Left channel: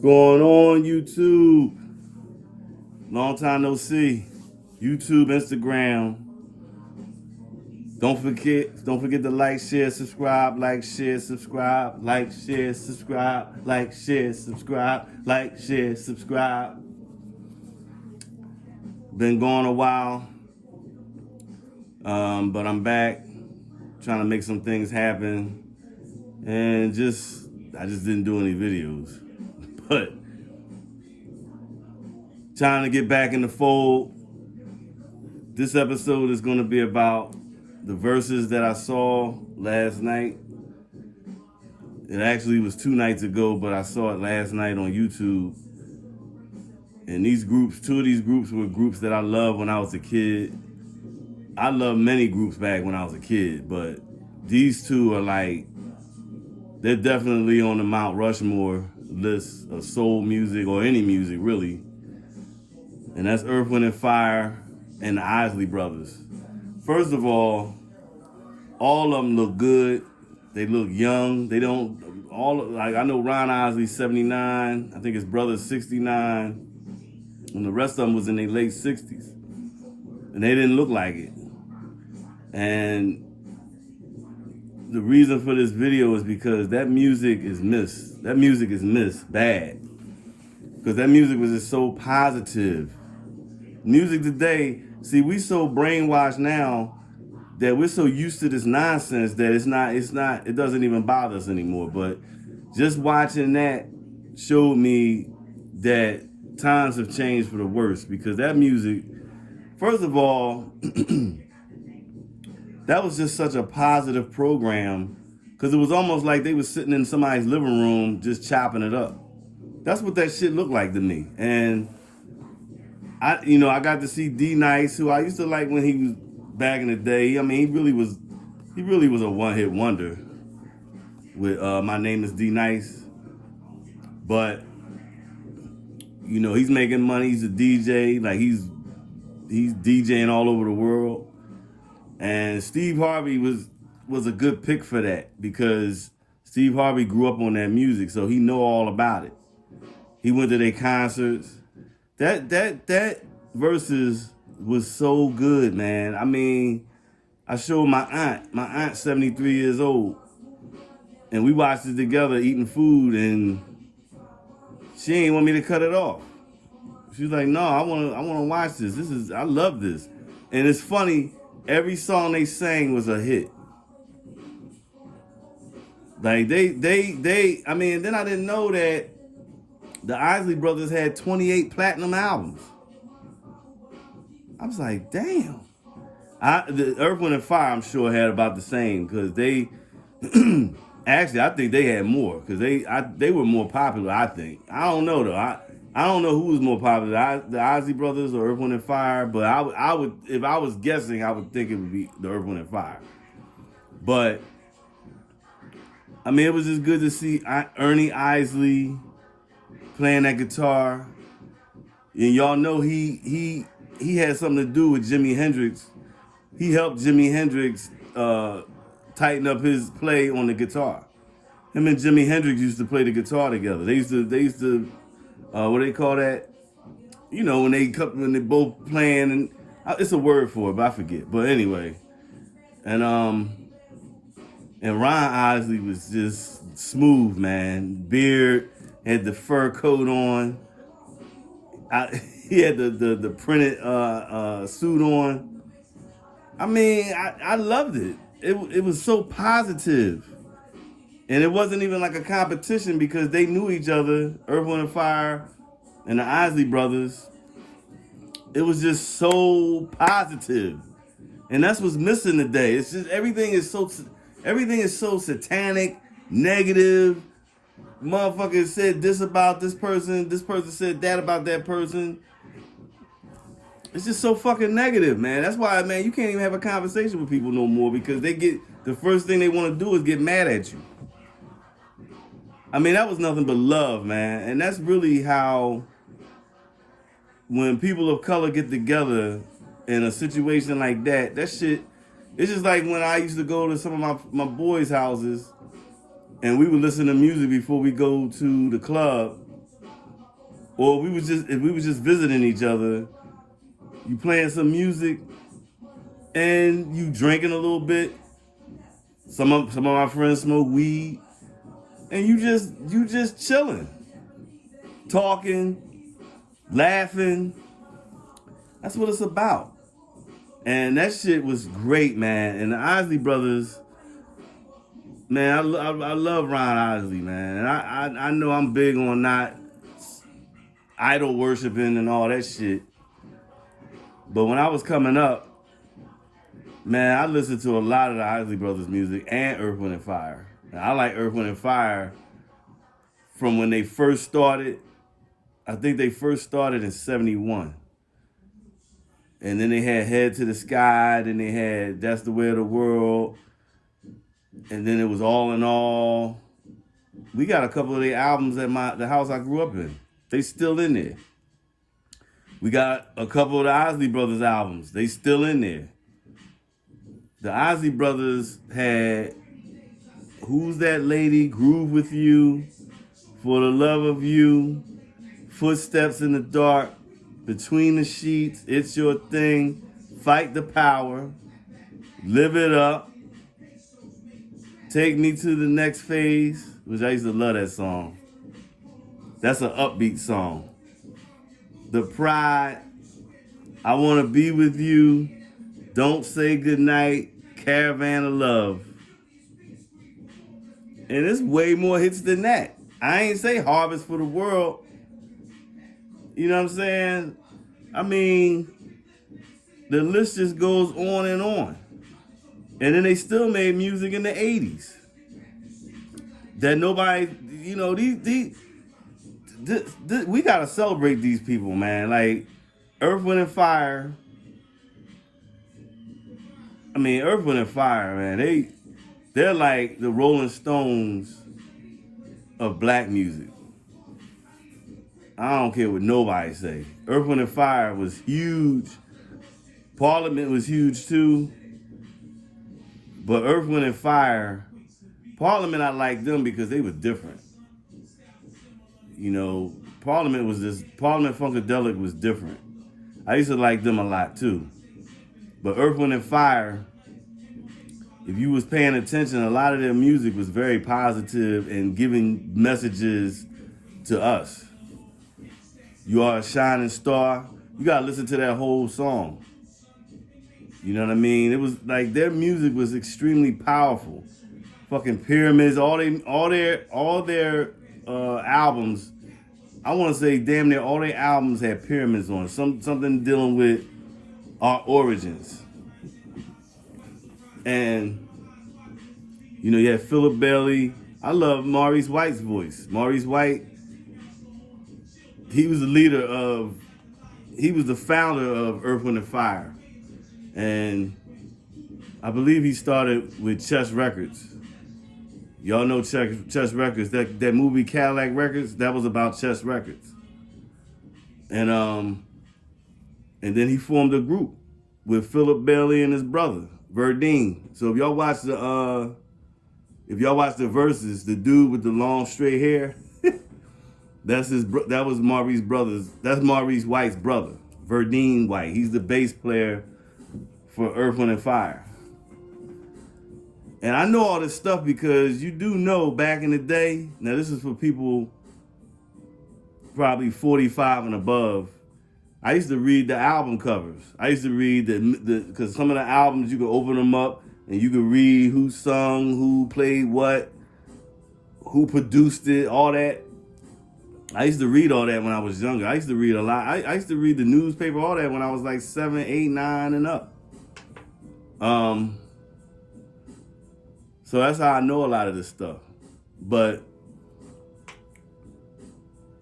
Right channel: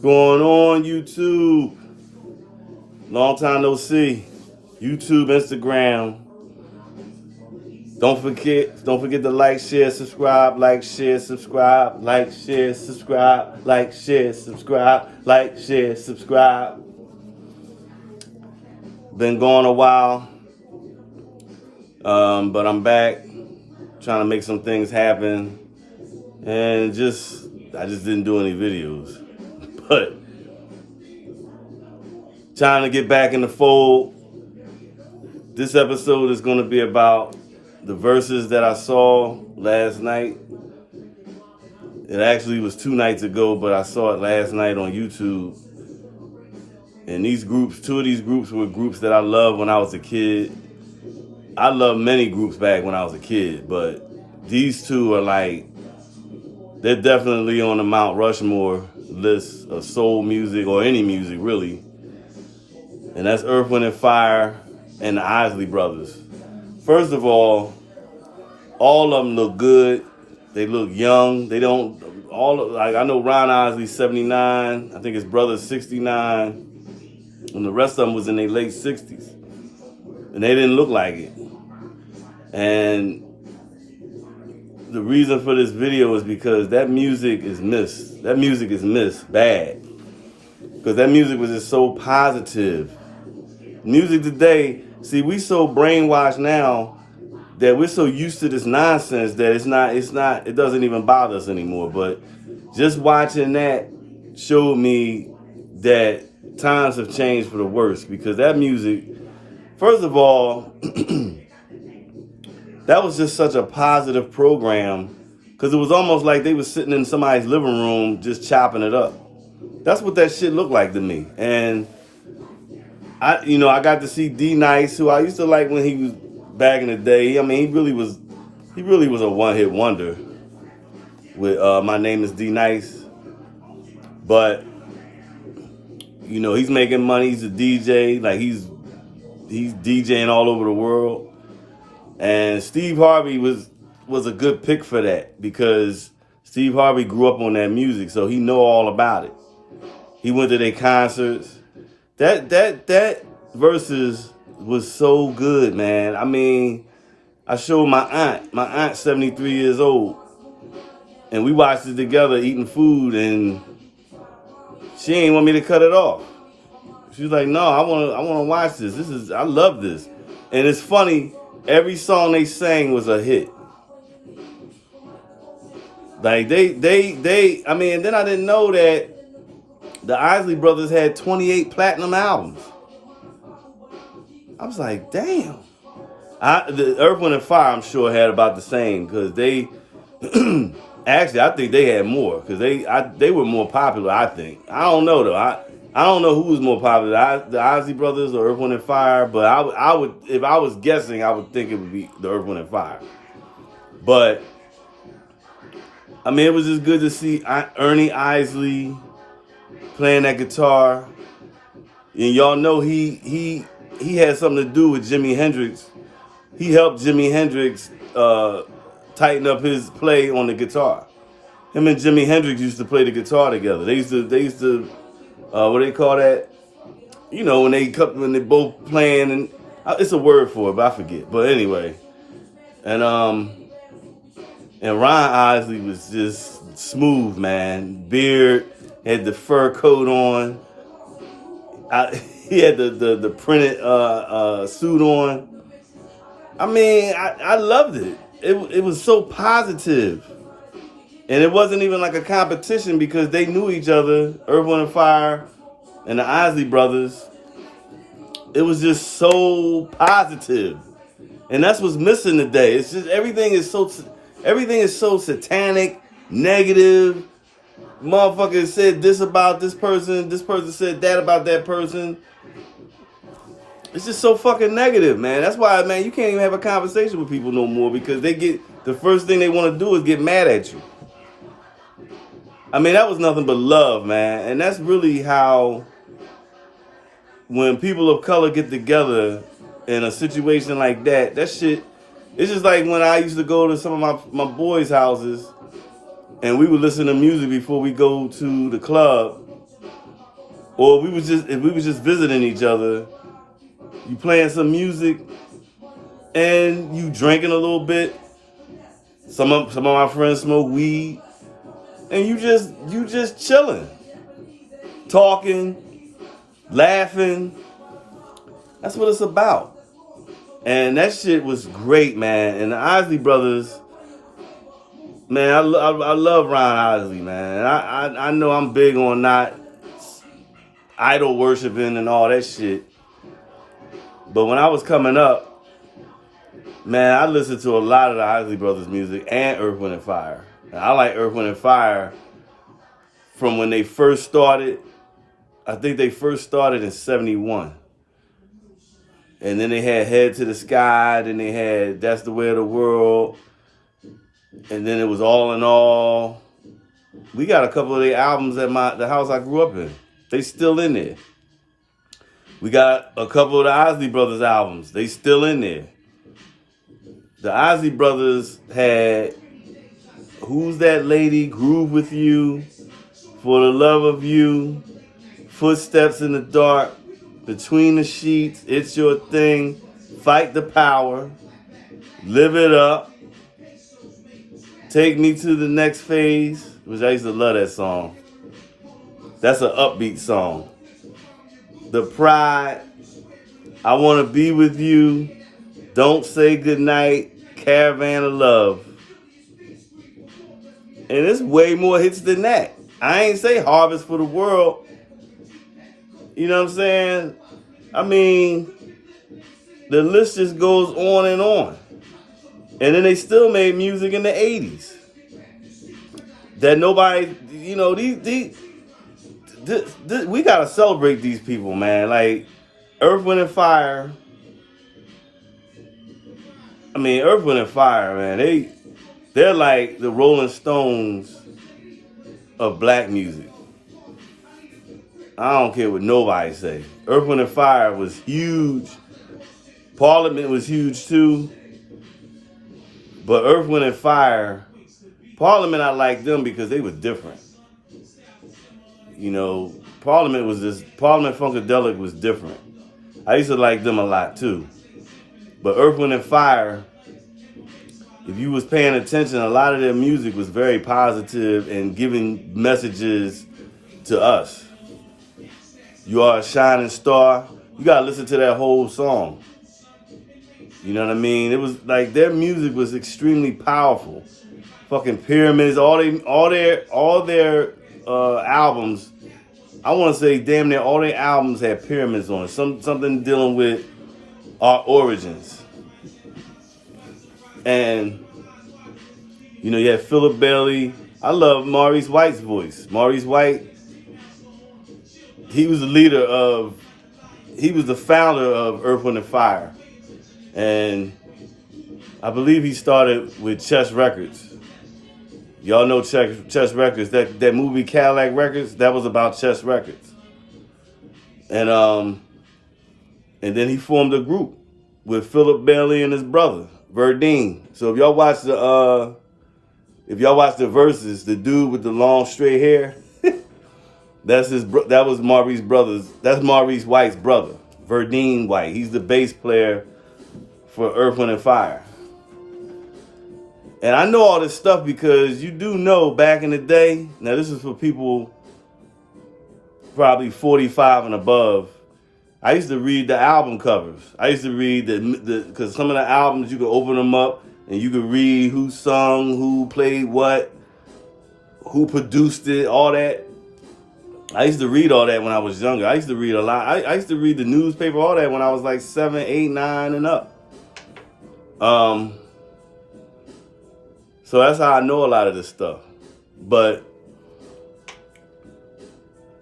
going on, YouTube? Long time no see. YouTube, Instagram. Don't forget to like, share, subscribe, like, share, subscribe, like, share, subscribe, like, share, subscribe, like, share, subscribe. Been gone a while, but I'm back trying to make some things happen, and I just didn't do any videos, but trying to get back in the fold. This episode is going to be about the Verzuz that I saw last night. It actually was 2 nights ago, but I saw it last night on YouTube. And two of these groups were groups that I loved when I was a kid. I loved many groups back when I was a kid, but these two are they're definitely on the Mount Rushmore list of soul music, or any music really. And that's Earth, Wind & Fire and the Isley brothers. First of all of them look good. They look young. They don't, I know Ron Isley's 79. I think his brother's 69. And the rest of them was in their late 60s. And they didn't look like it. And the reason for this video is because that music is missed. That music is missed bad. Because that music was just so positive. Music today, see, we so brainwashed now that we're so used to this nonsense that it doesn't even bother us anymore. But just watching that showed me that times have changed for the worse, because that music, first of all, that was just such a positive program, because it was almost like they were sitting in somebody's living room just chopping it up. That's what that shit looked like to me. And I got to see D Nice, who I used to like when he was back in the day. I mean, he really was a one-hit wonder with My Name is D Nice. But he's making money. He's a DJ. Like he's DJing all over the world. And Steve Harvey was a good pick for that, because Steve Harvey grew up on that music, so he know all about it. He went to their concerts. That Verzuz was so good, man. I mean, I showed my aunt. My aunt's 73 years old. And we watched it together eating food, and she ain't want me to cut it off. She was like, no, I wanna watch this. I love this. And it's funny, every song they sang was a hit. Like they I mean, then I didn't know that the Isley brothers had 28 platinum albums. I was like, damn. The Earth, Wind & Fire, I'm sure, had about the same, because they actually, I think they had more, because they were more popular, I think. I don't know though. I don't know who was more popular, the Isley brothers or Earth, Wind & Fire, but I would, if I was guessing, I would think it would be the Earth, Wind & Fire. But I mean, it was just good to see Ernie Isley playing that guitar. And y'all know he had something to do with Jimi Hendrix. He helped Jimi Hendrix tighten up his play on the guitar. Him and Jimi Hendrix used to play the guitar together. They used to what they call that? When they both playing, and it's a word for it, but I forget. But anyway, and Ron Isley was just smooth, man. Beard, had the fur coat on. He had the printed suit on. I mean, I loved it. It was so positive. And it wasn't even like a competition, because they knew each other, Earth, Wind & Fire and the Isley brothers. It was just so positive. And that's what's missing today. It's just everything is so satanic, negative. Motherfucker said this about this person said that about that person. It's just so fucking negative, man. That's why, man, you can't even have a conversation with people no more, because the first thing they want to do is get mad at you. I mean, that was nothing but love, man. And that's really how, when people of color get together in a situation like that shit, it's just like when I used to go to some of my boys' houses, and we would listen to music before we go to the club. or if we was just visiting each other, you playing some music and you drinking a little bit. Some of my friends smoke weed, and you just chilling, talking, laughing. That's what it's about. And that shit was great, man. And the Isley brothers, man, I love Ron Isley, man. I know I'm big on not idol worshiping and all that shit. But when I was coming up, man, I listened to a lot of the Isley brothers music and Earth, Wind and Fire. And I like Earth, Wind and Fire from when they first started. I think they first started in 71. And then they had Head to the Sky. Then they had That's the Way of the World. And then it was All in All. We got a couple of their albums at the house I grew up in. They still in there. We got a couple of the Isley Brothers albums. They still in there. The Isley Brothers had Who's That Lady, Groove With You, For the Love of You, Footsteps in the Dark, Between the Sheets, It's Your Thing, Fight the Power, Live It Up, Take Me to the Next Phase, which I used to love that song. That's an upbeat song. The Pride, I Want to Be With You, Don't Say Goodnight, Caravan of Love. And there's way more hits than that. I ain't say Harvest for the World. You know what I'm saying? I mean, the list just goes on and on. And then they still made music in the 80s. That nobody, you know, we gotta celebrate these people, man. Like Earth, Wind and Fire. I mean, Earth, Wind and Fire, man. They're like the Rolling Stones of black music. I don't care what nobody say. Earth, Wind and Fire was huge. Parliament was huge too. But Earth, Wind and Fire, Parliament, I liked them because they were different. You know, Parliament Funkadelic was different. I used to like them a lot too. But Earth, Wind and Fire, if you was paying attention, a lot of their music was very positive and giving messages to us. You Are a Shining Star. You gotta listen to that whole song. You know what I mean? It was like their music was extremely powerful. Fucking Pyramids, all their albums. I want to say damn near all their albums had pyramids on it. Something dealing with our origins. And you know, you had Philip Bailey. I love Maurice White's voice. Maurice White, he was the founder of Earth, Wind and Fire. And I believe he started with Chess Records. Y'all know Chess Records. That movie Cadillac Records, that was about Chess Records. And then he formed a group with Philip Bailey and his brother, Verdine. So if y'all watch the Verzuz, the dude with the long straight hair, that was Maurice brothers. That's Maurice White's brother, Verdine White. He's the bass player for Earth, Wind and Fire. And I know all this stuff because you do know back in the day, now this is for people probably 45 and above, I used to read the album covers. I used to read because some of the albums you could open them up and you could read who sung, who played what, who produced it, all that. I used to read all that when I was younger. I used to read a lot. I used to read the newspaper, all that when I was like 7, 8, 9 and up. So that's how I know a lot of this stuff. But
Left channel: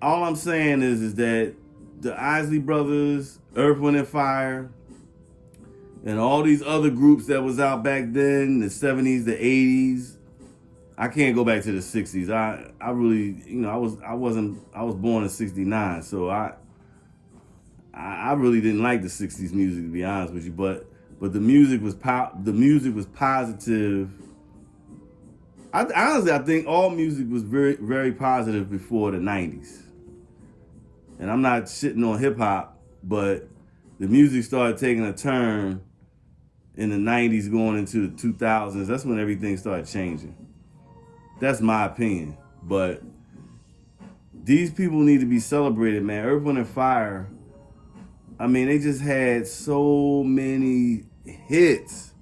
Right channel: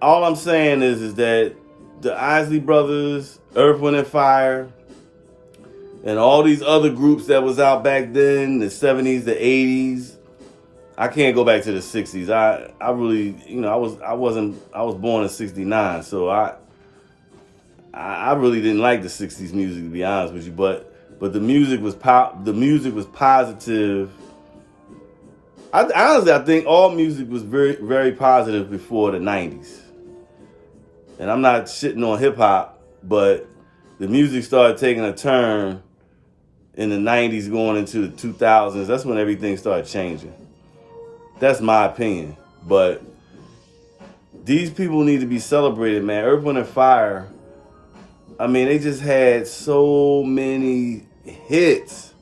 all I'm saying is that the Isley Brothers, Earth, Wind and Fire, and all these other groups that was out back then, the 70s, the 80s. I can't go back to the 60s. I really, you know, I was born in 69, so I really didn't like the 60s music, to be honest with you, but the music was positive. Honestly, I think all music was very, very positive before the 90s. and I'm not shitting on hip hop, but the music started taking a turn in the 90s going into the 2000s. That's when everything started changing. That's my opinion. But these people need to be celebrated, man. Earth, Wind & Fire, I mean, they just had so many hits.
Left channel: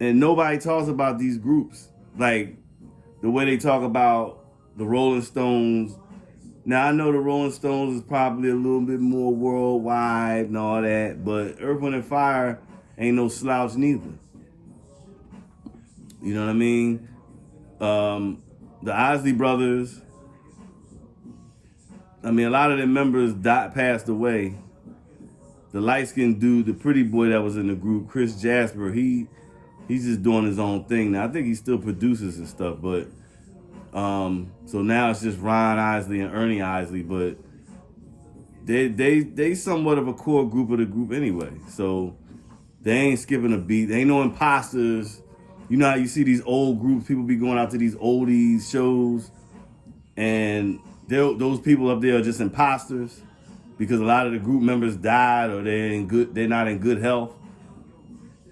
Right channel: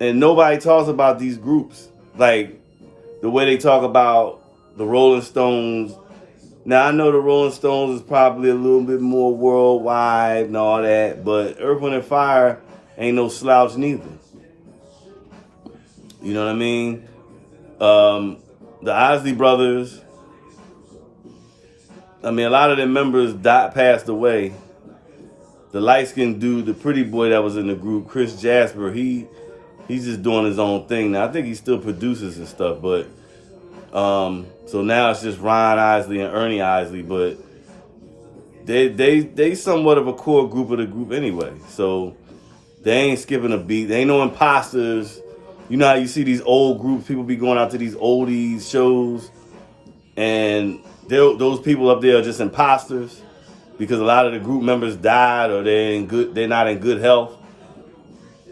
And nobody talks about these groups. Like, the way they talk about the Rolling Stones. Now, I know the Rolling Stones is probably a little bit more worldwide and all that, but Earth, Wind & Fire ain't no slouch neither. You know what I mean? The Isley brothers, I mean, a lot of their members passed away. The light-skinned dude, the pretty boy that was in the group, Chris Jasper, he's just doing his own thing now. I think he still produces and stuff, but so now it's just Ron Isley and Ernie Isley, but they somewhat of a core group of the group anyway. So they ain't skipping a beat. They ain't no imposters. You know how you see these old groups, people be going out to these oldies shows, and those people up there are just imposters because a lot of the group members died or they're not in good health.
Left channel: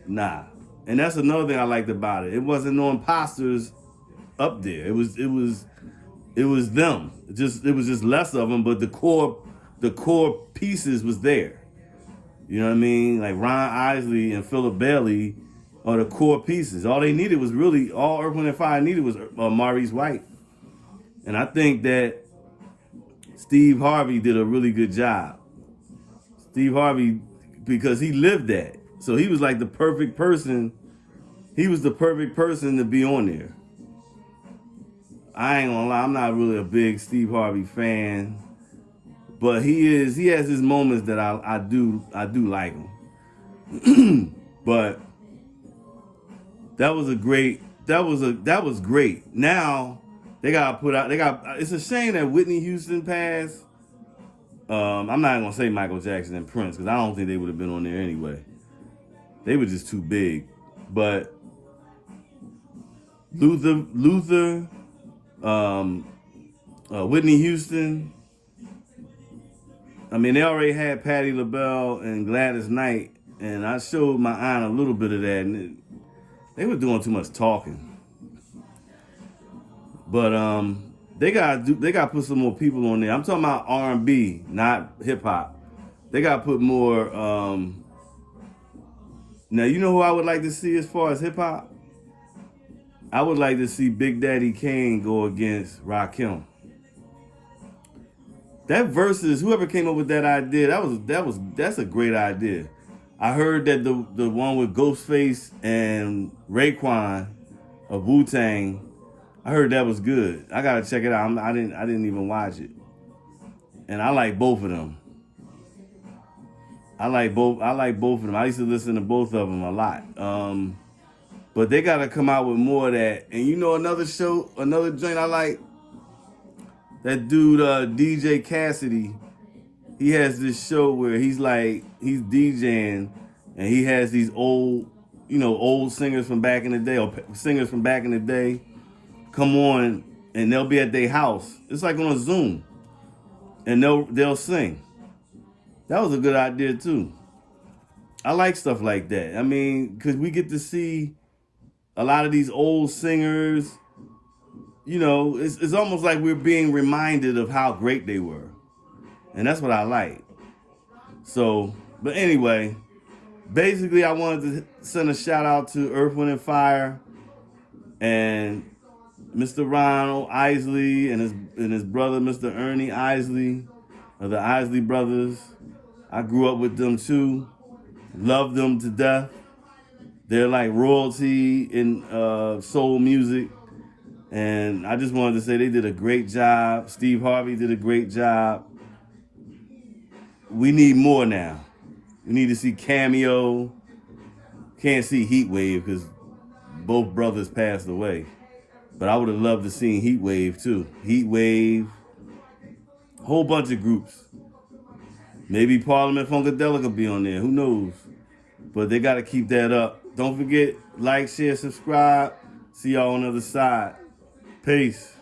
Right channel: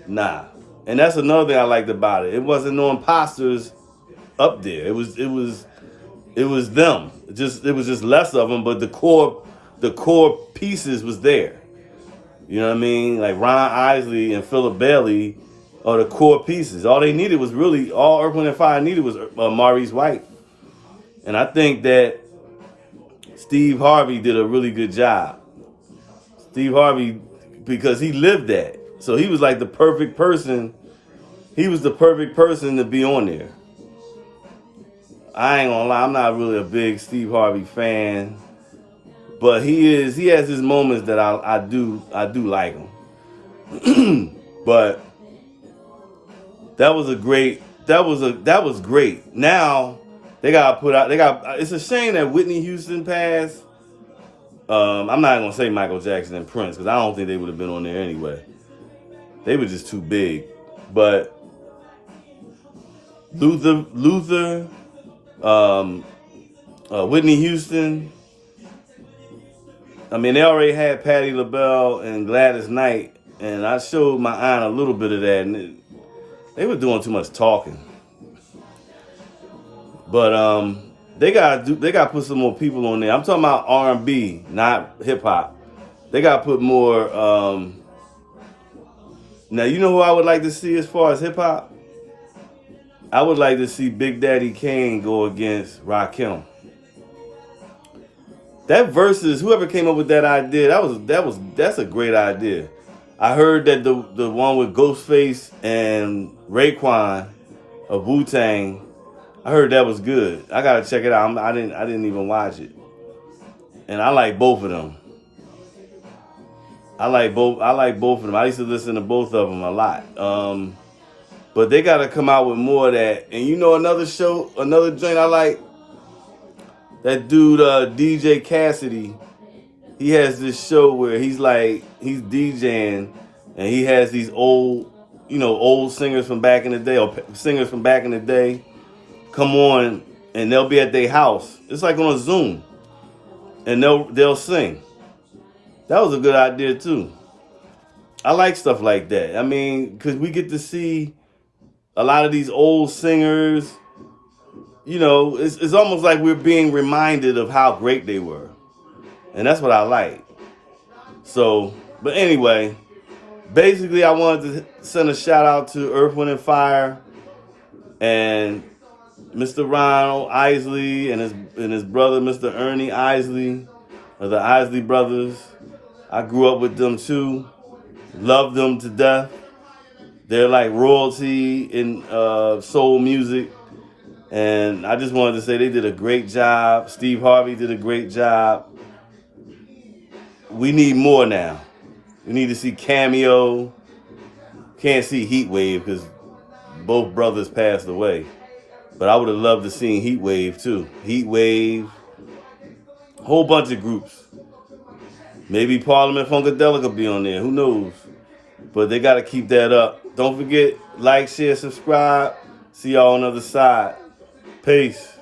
Nah. And that's another thing I liked about it. It wasn't no imposters up there. It was them. It was just less of them, but the core pieces was there. You know what I mean? Like Ron Isley and Philip Bailey are the core pieces. All they needed was really, all Earth, Wind & Fire needed was Maurice White. And I think that Steve Harvey did a really good job. Steve Harvey, because he lived that. So he was like the perfect person. He was the perfect person to be on there. I ain't gonna lie, I'm not really a big Steve Harvey fan. But he has his moments that I do like him. But that was great. Now they got it's a shame that Whitney Houston passed. I'm not gonna say Michael Jackson and Prince because I don't think they would have been on there anyway. They were just too big. But Luther, Whitney Houston. I mean, they already had Patti LaBelle and Gladys Knight, and I showed my aunt a little bit of that, and they were doing too much talking. But they got put some more people on there. I'm talking about R&B, not hip hop. They got put more. Now you know who I would like to see as far as hip hop. I would like to see Big Daddy Kane go against Rakim. That Verzuz, whoever came up with that idea, that's a great idea. I heard that the one with Ghostface and Raekwon of Wu-Tang, I heard that was good. I gotta check it out. I didn't even watch it, and I like both of them. I like both of them. I used to listen to both of them a lot. But they gotta come out with more of that. And you know another joint I like. That dude, DJ Cassidy, he has this show where he's DJing and he has these old singers from back in the day or singers from back in the day come on and they'll be at their house. It's like on a Zoom and they'll sing. That was a good idea too. I like stuff like that. I mean, because we get to see a lot of these old singers. You know, it's almost like we're being reminded of how great they were. And that's what I like. So, but anyway, basically I wanted to send a shout out to Earth, Wind & Fire and Mr. Ron Isley and his brother, Mr. Ernie Isley, of the Isley brothers. I grew up with them too. Loved them to death. They're like royalty in soul music. And I just wanted to say they did a great job. Steve Harvey did a great job. We need more now. We need to see Cameo. Can't see Heat Wave because both brothers passed away. But I would have loved to see Heat Wave too. Heat Wave. Whole bunch of groups. Maybe Parliament Funkadelic will be on there. Who knows? But they got to keep that up. Don't forget, like, share, subscribe. See y'all on the other side. Peace.